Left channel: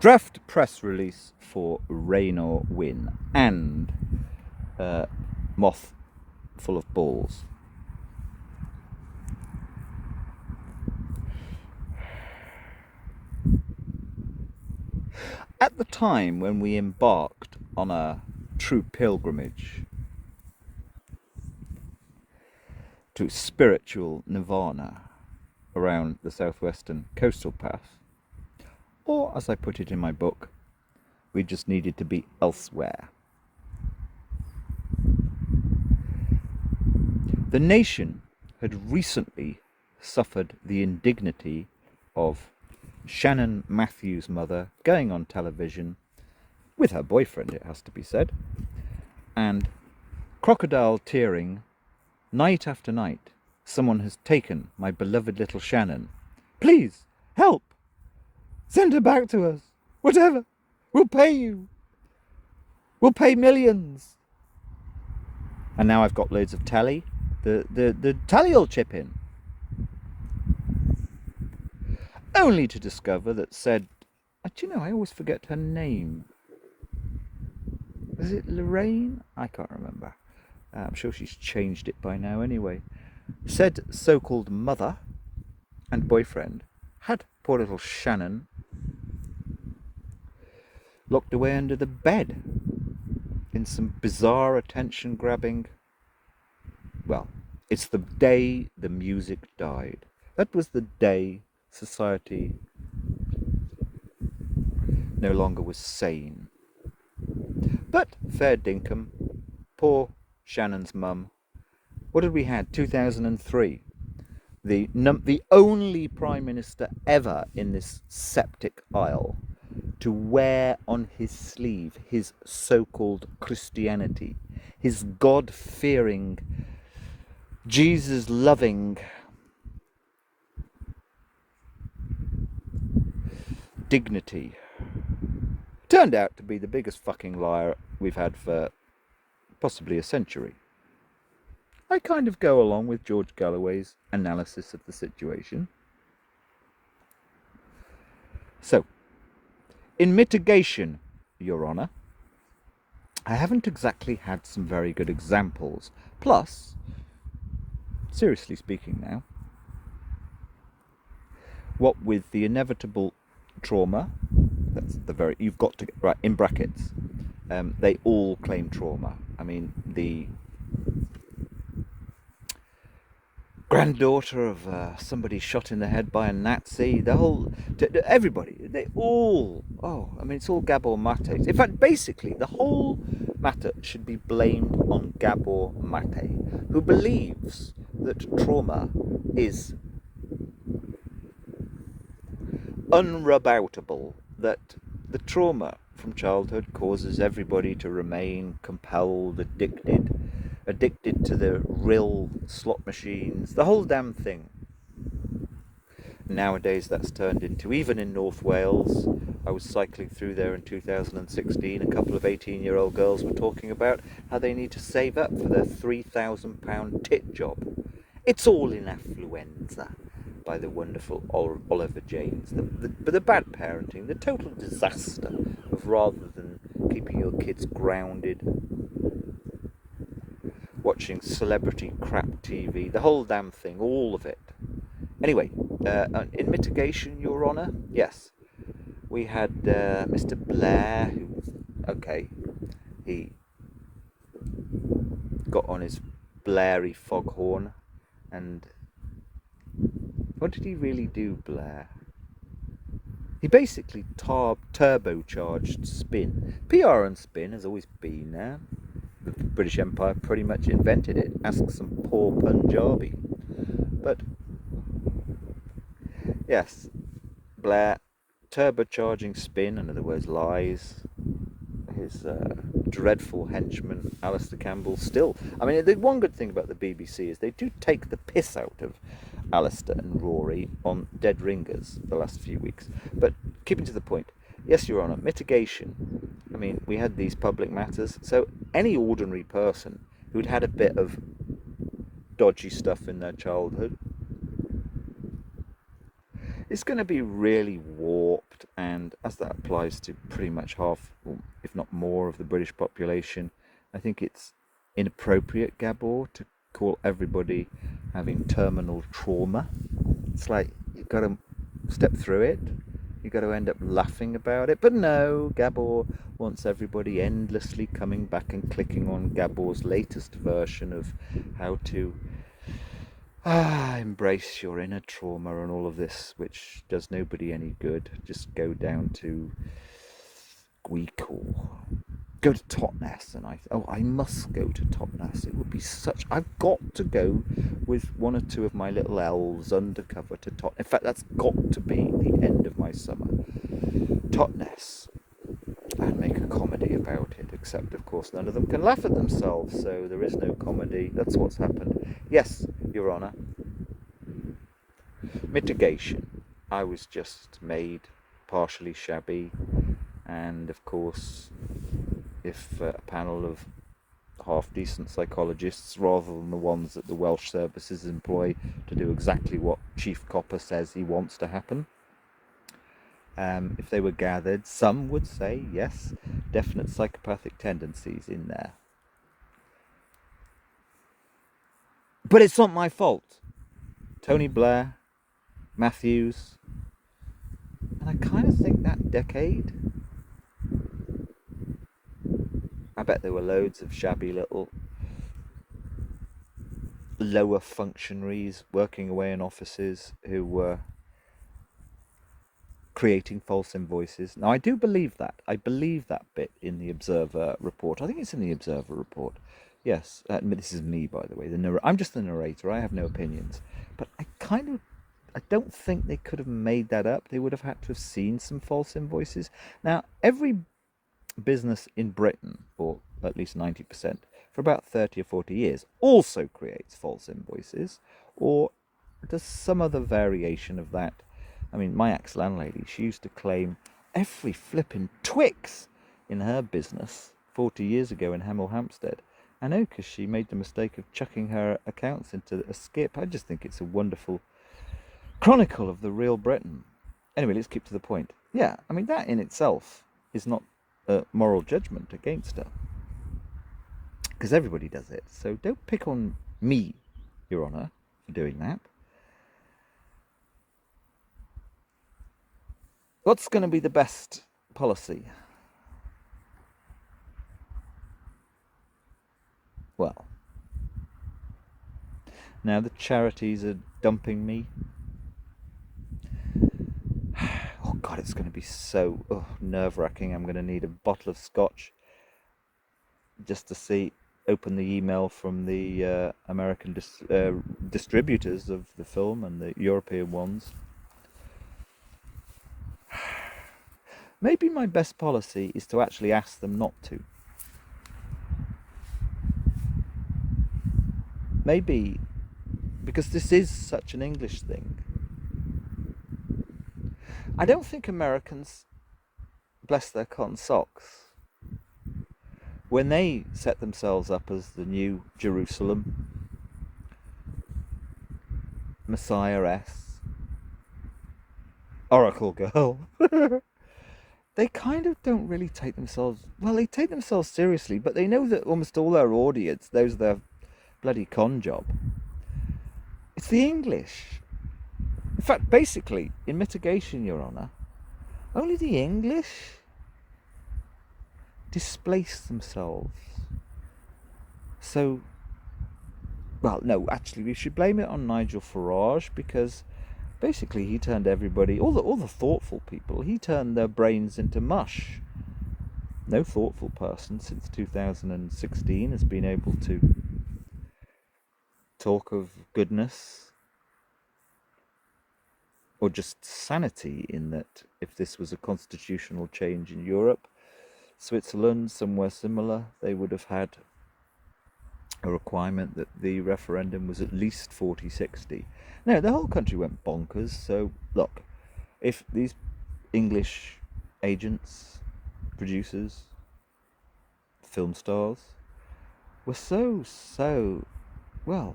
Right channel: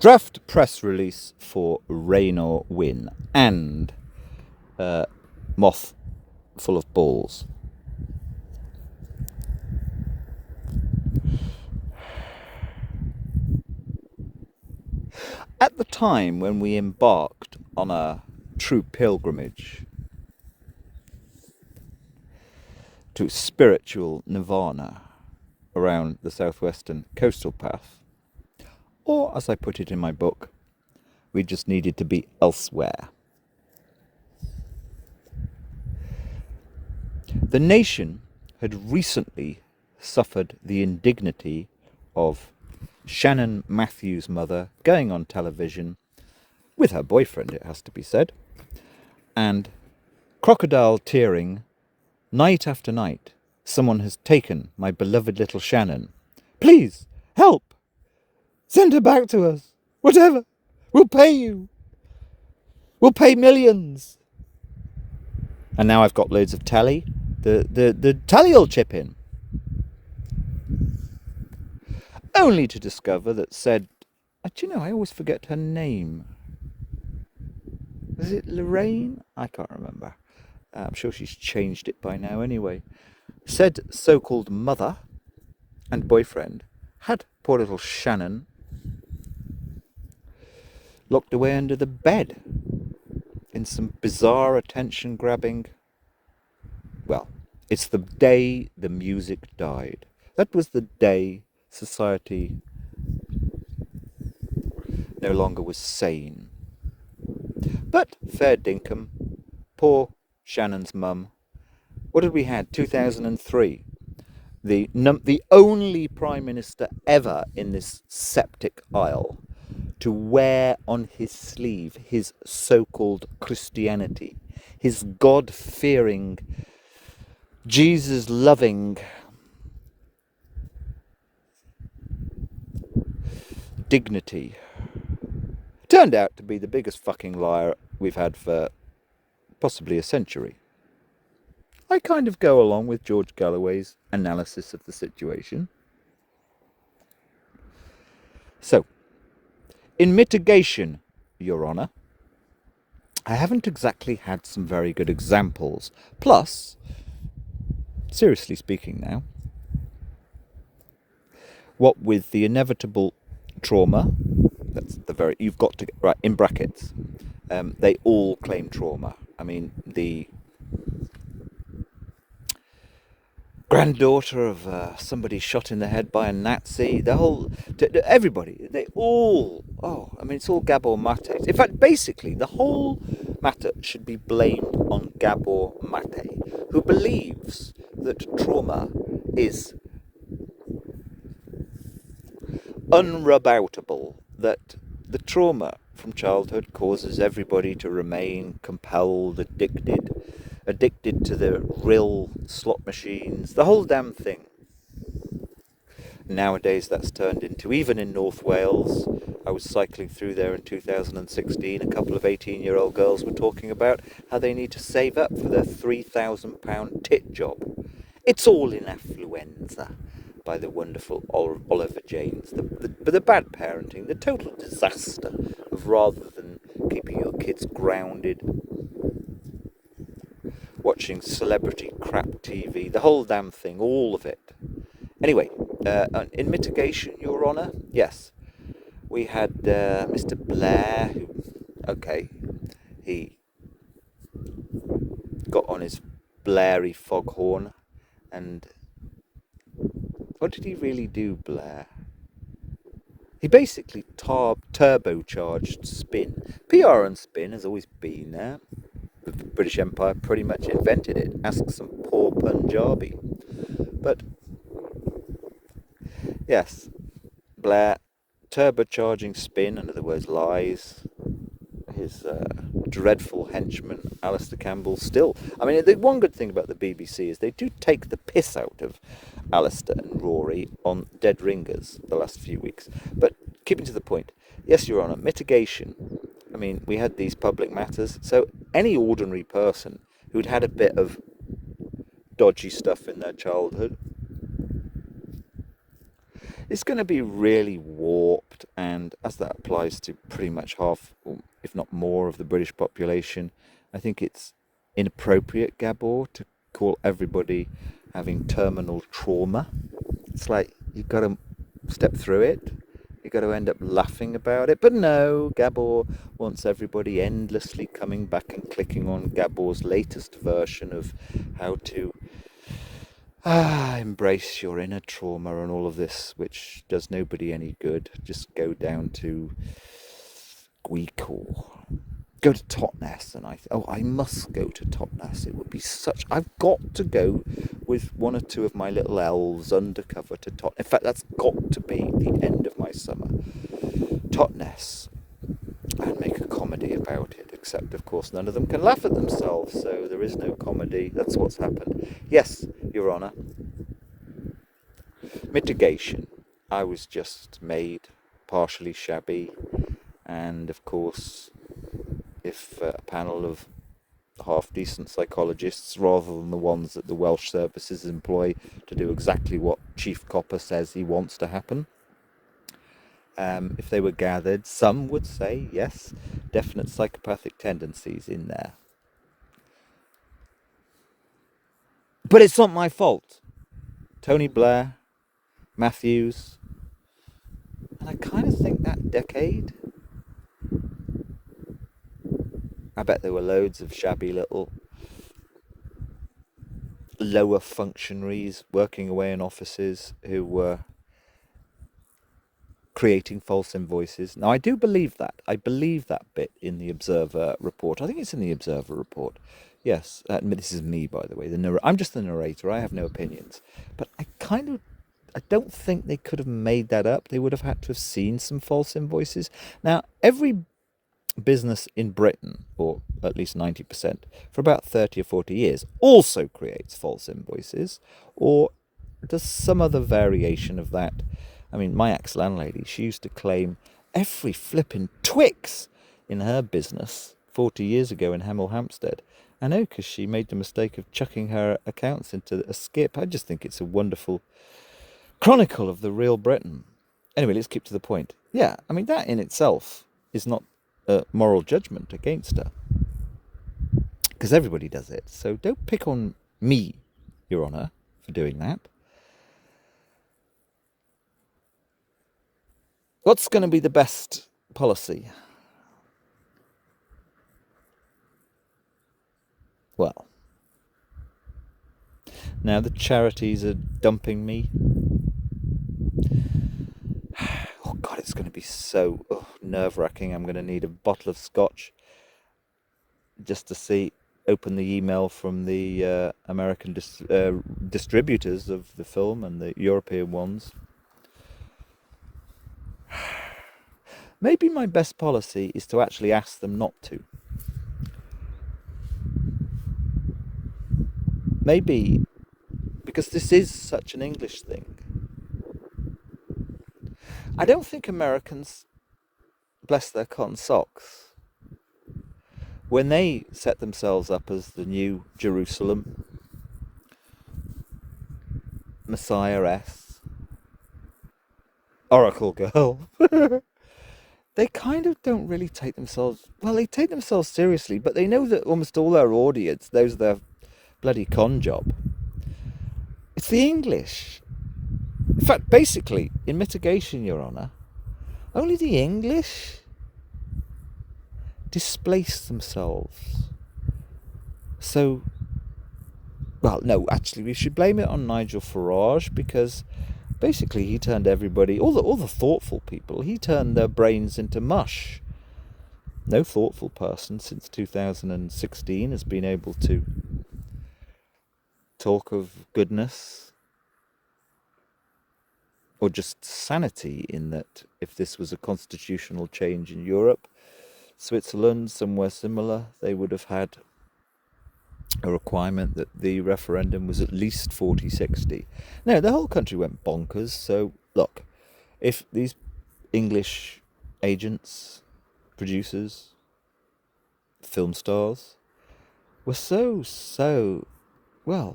Draft press release for Rain or Win and Moth Full of Balls. At the time when we embarked on a true pilgrimage to spiritual nirvana around the southwestern coastal path, or as I put it in my book, we just needed to be elsewhere. The nation had recently suffered the indignity of Shannon Matthews' mother going on television with her boyfriend, it has to be said, and crocodile tearing night after night. Someone has taken my beloved little Shannon. Please, help! Send her back to us. Whatever. We'll pay you. We'll pay millions. And now I've got loads of telly. The telly will chip in. Only to discover that said, do you know, I always forget her name. Was it Lorraine? I can't remember. I'm sure she's changed it by now anyway. Said so-called mother and boyfriend had poor little Shannon locked away under the bed in some bizarre attention-grabbing... Well, it's the day the music died. That was the day society no longer was sane. But fair dinkum, poor Shannon's mum. What did we had? 2003. The only Prime Minister ever in this septic isle to wear on his sleeve his so-called Christianity, his God-fearing, Jesus-loving dignity, turned out to be the biggest fucking liar we've had for possibly a century. I kind of go along with George Galloway's analysis of the situation. So, in mitigation, Your Honour, I haven't exactly had some very good examples. Plus, seriously speaking now, what with the inevitable trauma, that's the very, you've got to, right, in brackets, they all claim trauma. I mean, the granddaughter of somebody shot in the head by a Nazi, the whole, everybody, they all, it's all Gabor Mate. In fact, basically, the whole matter should be blamed on Gabor Mate, who believes that trauma is unrebuttable, that the trauma from childhood causes everybody to remain compelled, addicted to the rill slot machines, the whole damn thing. Nowadays that's turned into, even in North Wales, I was cycling through there in 2016, a couple of 18-year-old girls were talking about how they need to save up for their £3,000 tit job. It's all in affluenza, by the wonderful Oliver James. But the bad parenting, the total disaster of, rather than keeping your kids grounded, watching celebrity crap TV, the whole damn thing, all of it. Anyway, in mitigation, Your Honour, yes, we had Mr. Blair, who, okay, he got on his Blairy foghorn, and what did he really do, Blair? He basically turbocharged spin. PR and spin has always been there. The British Empire pretty much invented it. Ask some poor Punjabi. But yes, Blair turbocharging spin, in other words lies. His dreadful henchman Alistair Campbell still, I mean, the one good thing about the BBC is they do take the piss out of Alistair and Rory on Dead Ringers the last few weeks. But keeping to the point, yes, Your Honour, mitigation. I mean, we had these public matters, so any ordinary person who'd had a bit of dodgy stuff in their childhood, it's going to be really warped fact, and as that applies to pretty much half, or if not more, of the British population, I think it's inappropriate, Gabor, to call everybody having terminal trauma. It's like you've got to step through it. You've got to end up laughing about it. But no, Gabor wants everybody endlessly coming back and clicking on Gabor's latest version of how to embrace your inner trauma and all of this, which does nobody any good. Just go down to Greek or go to Totnes, and I must go to Totnes. It would be such. I've got to go with one or two of my little elves undercover to Totnes. In fact, that's got to be the end of my summer. Totnes, and make a comedy about it. Except, of course, none of them can laugh at themselves, so there is no comedy. That's what's happened. Yes, Your Honour. Mitigation. I was just made partially shabby, and of course, if a panel of half-decent psychologists, rather than the ones that the Welsh services employ to do exactly what Chief Copper says he wants to happen, if they were gathered, some would say, yes, definite psychopathic tendencies in there. But it's not my fault. Tony Blair, Matthews, and I kind of think that decade, I bet there were loads of shabby little lower functionaries working away in offices who were creating false invoices. Now, I do believe that. I believe that bit in the Observer report. I think it's in the Observer report. Yes, this is me, by the way. I'm just the narrator. I have no opinions. But I don't think they could have made that up. They would have had to have seen some false invoices. Now, every business in Britain, or at least 90%, for about 30 or 40 years, also creates false invoices, or does some other variation of that. I mean, my ex-landlady, she used to claim every flipping Twix in her business 40 years ago in Hemel Hempstead. I know, because she made the mistake of chucking her accounts into a skip. I just think it's a wonderful chronicle of the real Britain. Anyway, let's keep to the point. Yeah, I mean, that in itself is not a moral judgment against her, because everybody does it. So don't pick on me, Your Honour, for doing that. What's going to be the best policy? Well, now the charities are dumping me. Oh God, it's going to be so nerve-wracking. I'm going to need a bottle of scotch just to open the email from the American distributors of the film and the European ones. Maybe my best policy is to actually ask them not to. Maybe, because this is such an English thing. I don't think Americans, bless their cotton socks, when they set themselves up as the new Jerusalem, Messiah-S, Oracle Girl, they kind of don't really take themselves, well, they take themselves seriously, but they know that almost all their audience knows their bloody con job. It's the English. In fact, basically, in mitigation, Your Honour, only the English displace themselves. So, well, no, actually, we should blame it on Nigel Farage, because basically he turned everybody, all the thoughtful people, he turned their brains into mush. No thoughtful person since 2016 has been able to talk of goodness or just sanity, in that if this was a constitutional change in Europe, Switzerland, somewhere similar, they would have had a requirement that the referendum was at least 40-60. No, the whole country went bonkers. So look, if these English agents, producers, film stars were so well,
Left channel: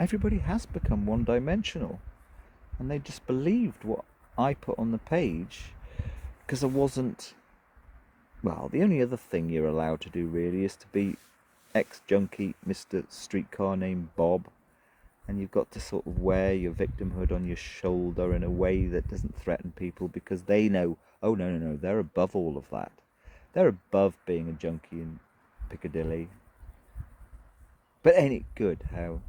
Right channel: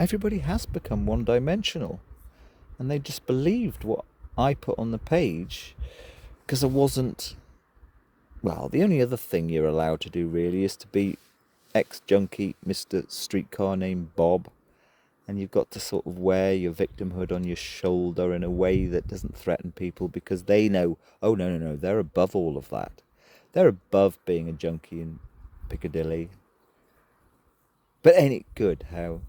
everybody has become one-dimensional, and they just believed what I put on the page, because I wasn't, well, the only other thing you're allowed to do really is to be ex-junkie Mr. Streetcar Named Bob, and you've got to sort of wear your victimhood on your shoulder in a way that doesn't threaten people, because they know, oh no, they're above all of that. They're above being a junkie in Piccadilly. But ain't it good how,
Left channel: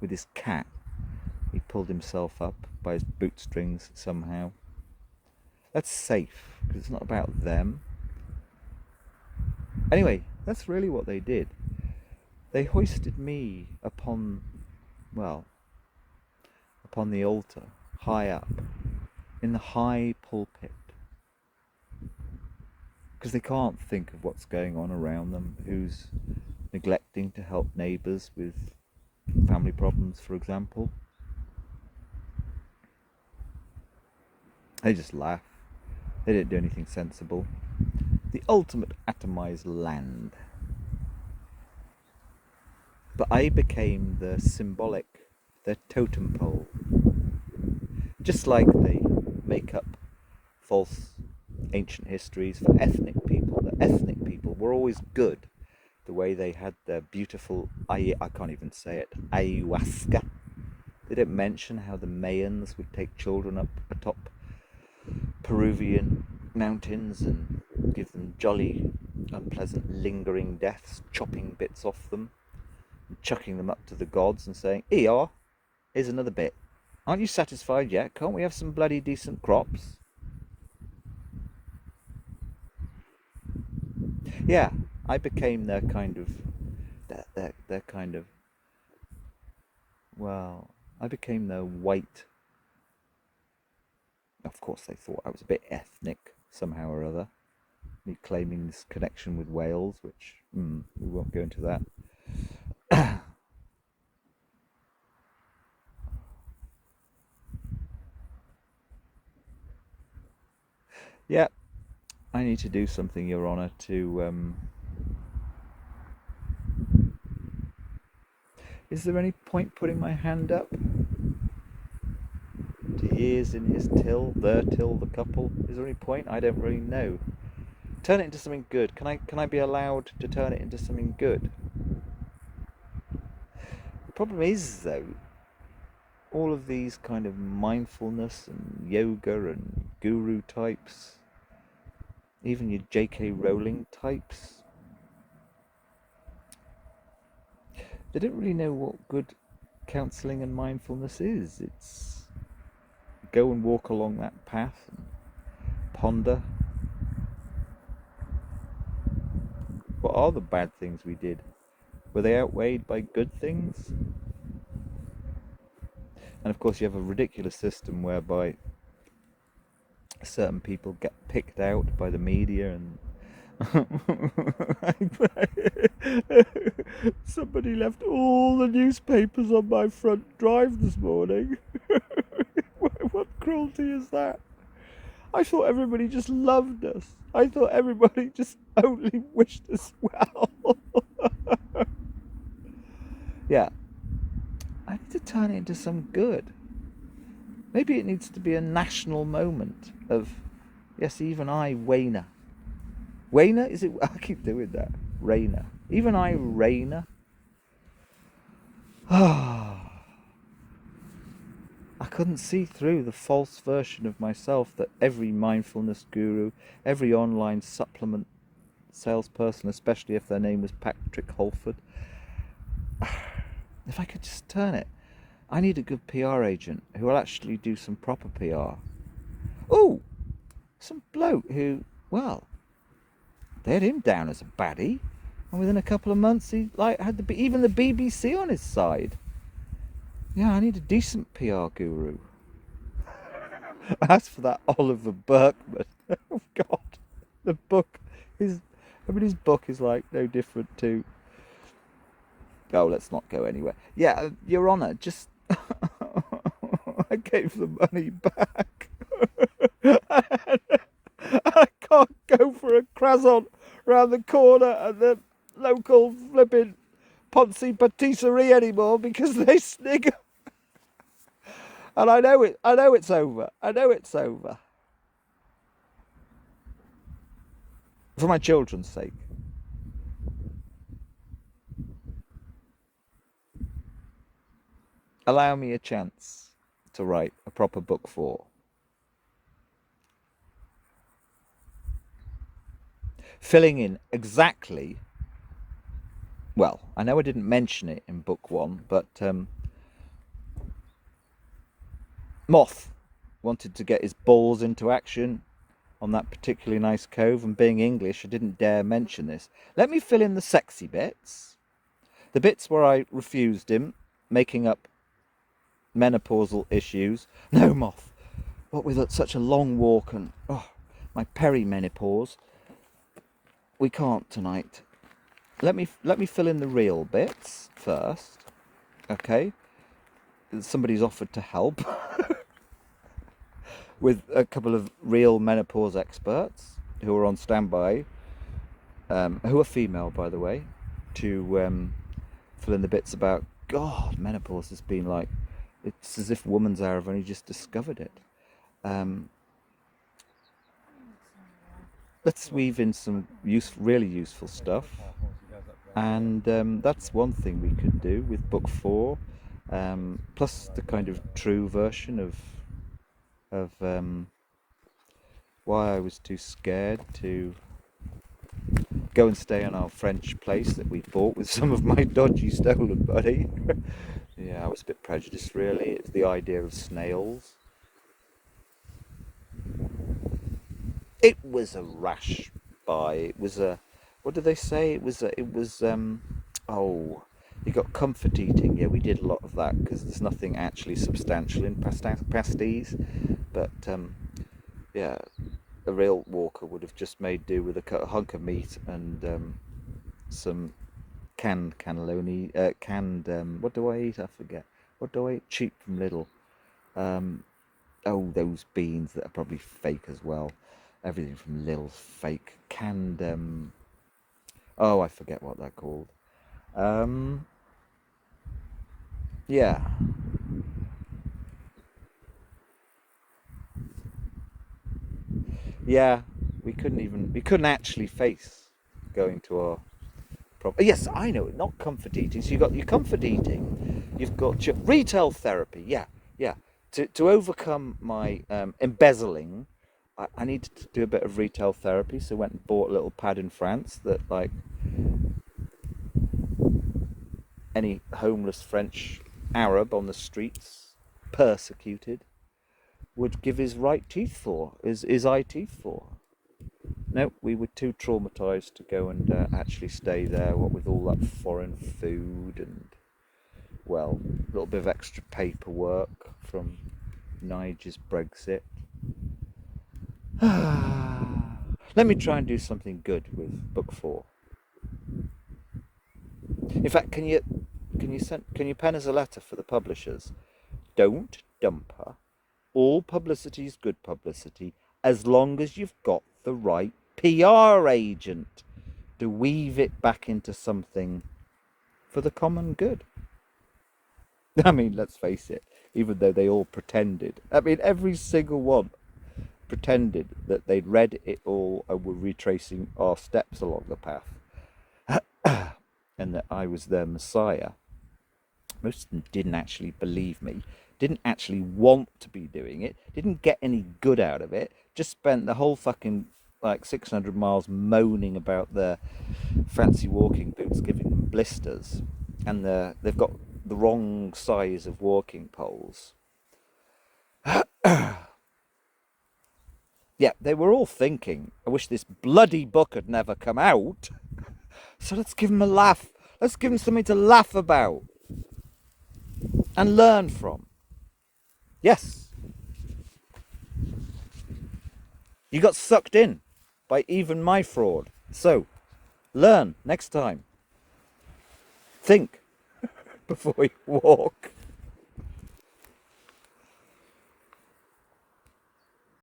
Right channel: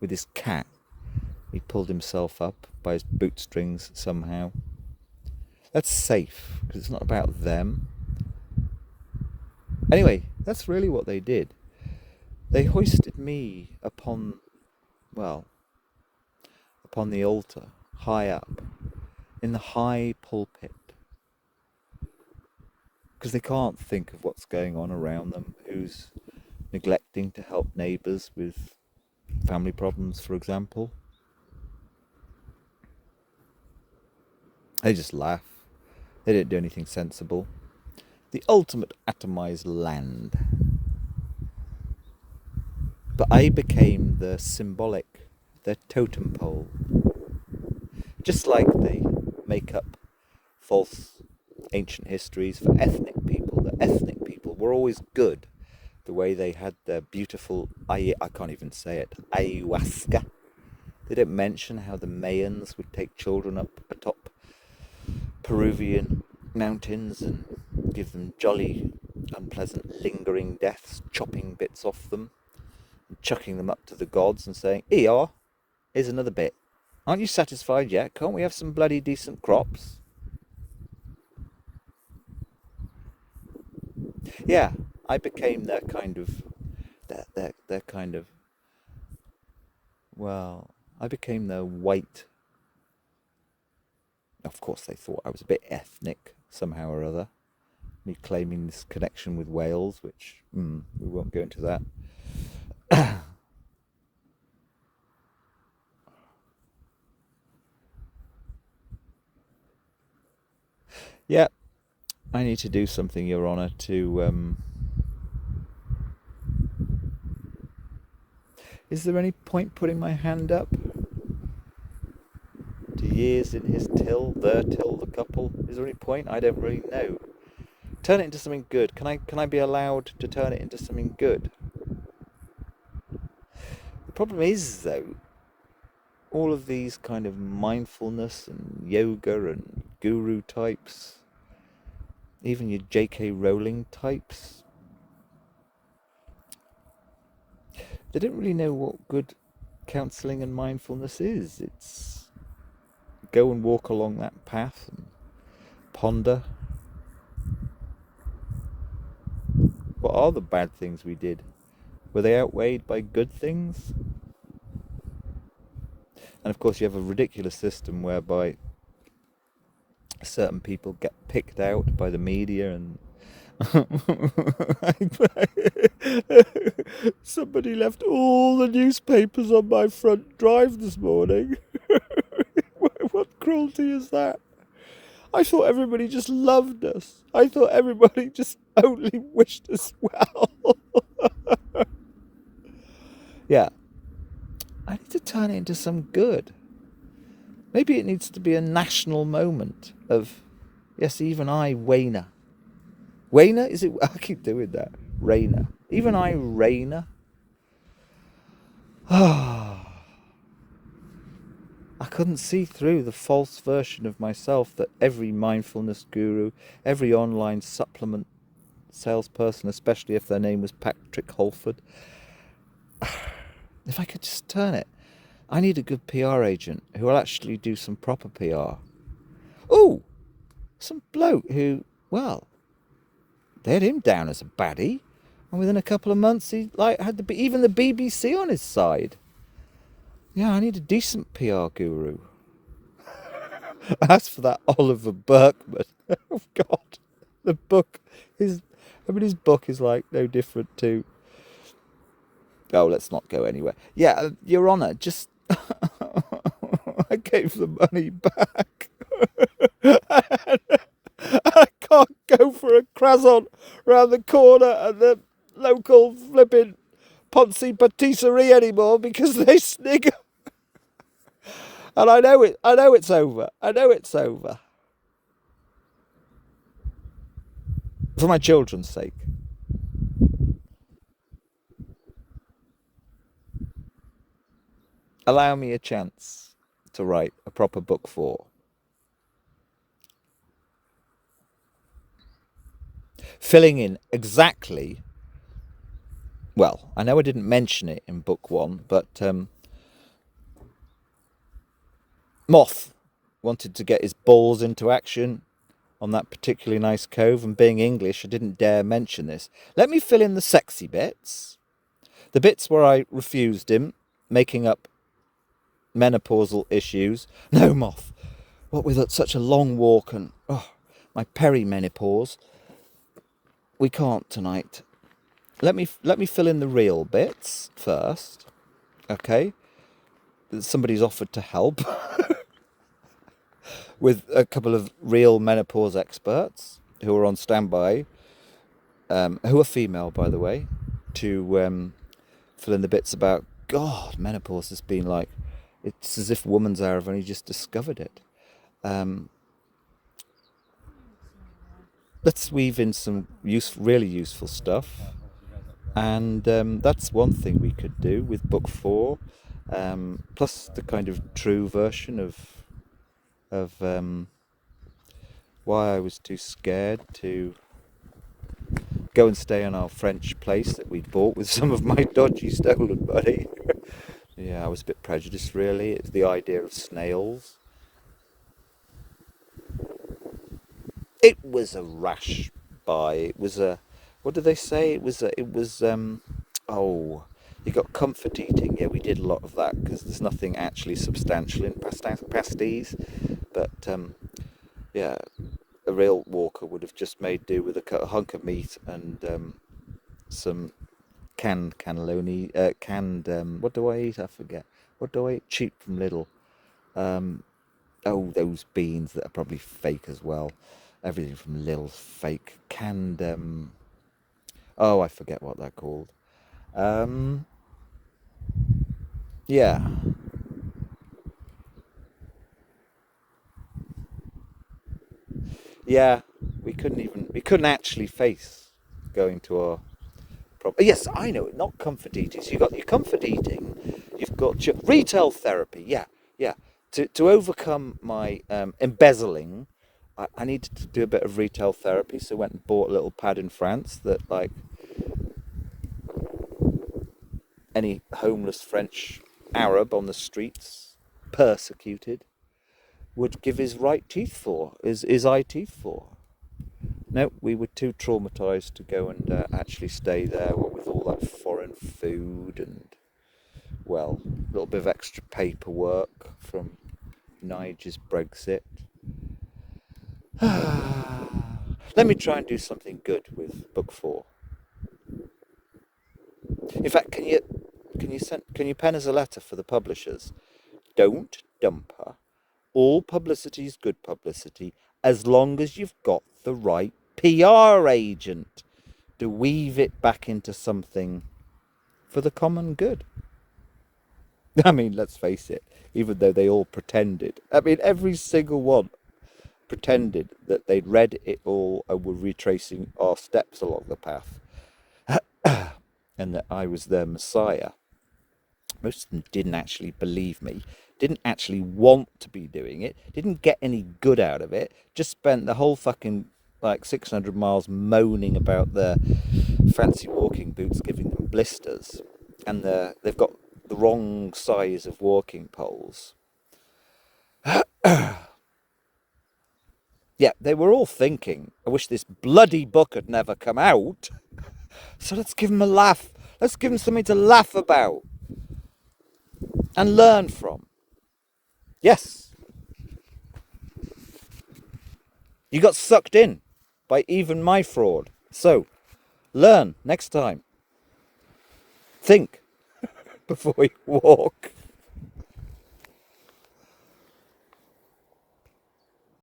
with his cat, he pulled himself up by his bootstrings somehow. That's safe, because it's not about them. Anyway, that's really what they did. They hoisted me upon the altar, high up, in the high pulpit, because they can't think of what's going on around them, who's neglecting to help neighbours with family problems, for example. They just laugh. They didn't do anything sensible. The ultimate atomized land. But I became the symbolic, the totem pole. Just like they make up false ancient histories for ethnic people. The ethnic people were always good. The way they had their beautiful, I can't even say it, ayahuasca. They didn't mention how the Mayans would take children up atop Peruvian mountains and give them jolly, unpleasant, lingering deaths, chopping bits off them, and chucking them up to the gods and saying, "Here, here's another bit. Aren't you satisfied yet? Can't we have some bloody decent crops?" Yeah, I became their kind of, their kind of, well, I became their white. Of course, they thought I was a bit ethnic somehow or other. Me claiming this connection with Wales, which we won't go into that. Yeah, I need to do something, Your Honour, to... Is there any point putting my hand up? To years in his till, their till, the couple. Is there any point? I don't really know. Turn it into something good. Can I be allowed to turn it into something good? The problem is, though, all of these kind of mindfulness and yoga and guru types, even your J.K. Rowling types, they don't really know what good counselling and mindfulness is. It's go and walk along that path and ponder. What are the bad things we did? Were they outweighed by good things? And of course you have a ridiculous system whereby certain people get picked out by the media and somebody left all the newspapers on my front drive this morning. What cruelty is that? I thought everybody just loved us. I thought everybody just only wished us well. Yeah, I need to turn it into some good. Maybe it needs to be a national moment of, yes, even I, Wayner. Wayner? Is it? I keep doing that. Rayner. Even I, Rayner. I couldn't see through the false version of myself that every mindfulness guru, every online supplement salesperson, especially if their name was Patrick Holford, if I could just turn it. I need a good PR agent who will actually do some proper PR. Oh, some bloke who, well, they had him down as a baddie, and within a couple of months he had even the BBC on his side. Yeah, I need a decent PR guru. As for that Oliver Burkeman, oh God, the book is, his book is like no different to. Oh, let's not go anywhere. Yeah, Your Honour, just I gave the money back. I can't go for a croissant round the corner at the local flipping Ponzi patisserie anymore because they snigger. And I know it's over. I know it's over. For my children's sake. Allow me a chance to write a proper book 4. Filling in exactly, well, I know I didn't mention it in book 1, but Moth wanted to get his balls into action on that particularly nice cove, and being English, I didn't dare mention this. Let me fill in the sexy bits. The bits where I refused him, making up menopausal issues. No, Moth, what with such a long walk and my perimenopause, we can't tonight. Let me fill in the real bits first, okay? Somebody's offered to help with a couple of real menopause experts who are on standby, who are female, by the way, to fill in the bits about, God, menopause has been like, it's as if woman's hour have only just discovered it. Let's weave in some really useful stuff. And that's one thing we could do with book 4, plus the kind of true version of why I was too scared to go and stay in our French place that we bought with some of my dodgy stolen money. Yeah, I was a bit prejudiced, really. It's the idea of snails. It was a rash buy. It was a, what did they say? It was oh, you got comfort eating. Yeah, we did a lot of that because there's nothing actually substantial in pasties. But yeah, a real walker would have just made do with a hunk of meat and some canned cannelloni, what do I eat? I forget. What do I eat? Cheap from Lidl. Oh, those beans that are probably fake as well. Everything from Lidl's fake. Canned, oh, I forget what they're called. Yeah. Yeah, we couldn't actually face going to our proper. Yes, I know, not comfort eating. So you've got your comfort eating, you've got your retail therapy. Yeah, yeah. To overcome my embezzling, I needed to do a bit of retail therapy, so I went and bought a little pad in France that, like, any homeless French Arab on the streets, persecuted, would give his right teeth for, his eye teeth for. No, we were too traumatised to go and actually stay there, what with all that foreign food and, well, a little bit of extra paperwork from Nigel's Brexit. Let me try and do something good with book 4. In fact, can you pen us a letter for the publishers? Don't dump her. All publicity is good publicity as long as you've got the right PR agent to weave it back into something for the common good. I mean, let's face it, even though they all pretended. I mean, every single one pretended that they'd read it all and were retracing our steps along the path and that I was their messiah. Most of them didn't actually believe me, didn't actually want to be doing it, didn't get any good out of it, just spent the whole fucking, like, 600 miles moaning about their fancy walking boots giving them blisters, and they've got the wrong size of walking poles. Yeah, they were all thinking, I wish this bloody book had never come out. So let's give them a laugh. Let's give them something to laugh about and learn from. Yes. You got sucked in by even my fraud. So, learn next time. Think before you walk.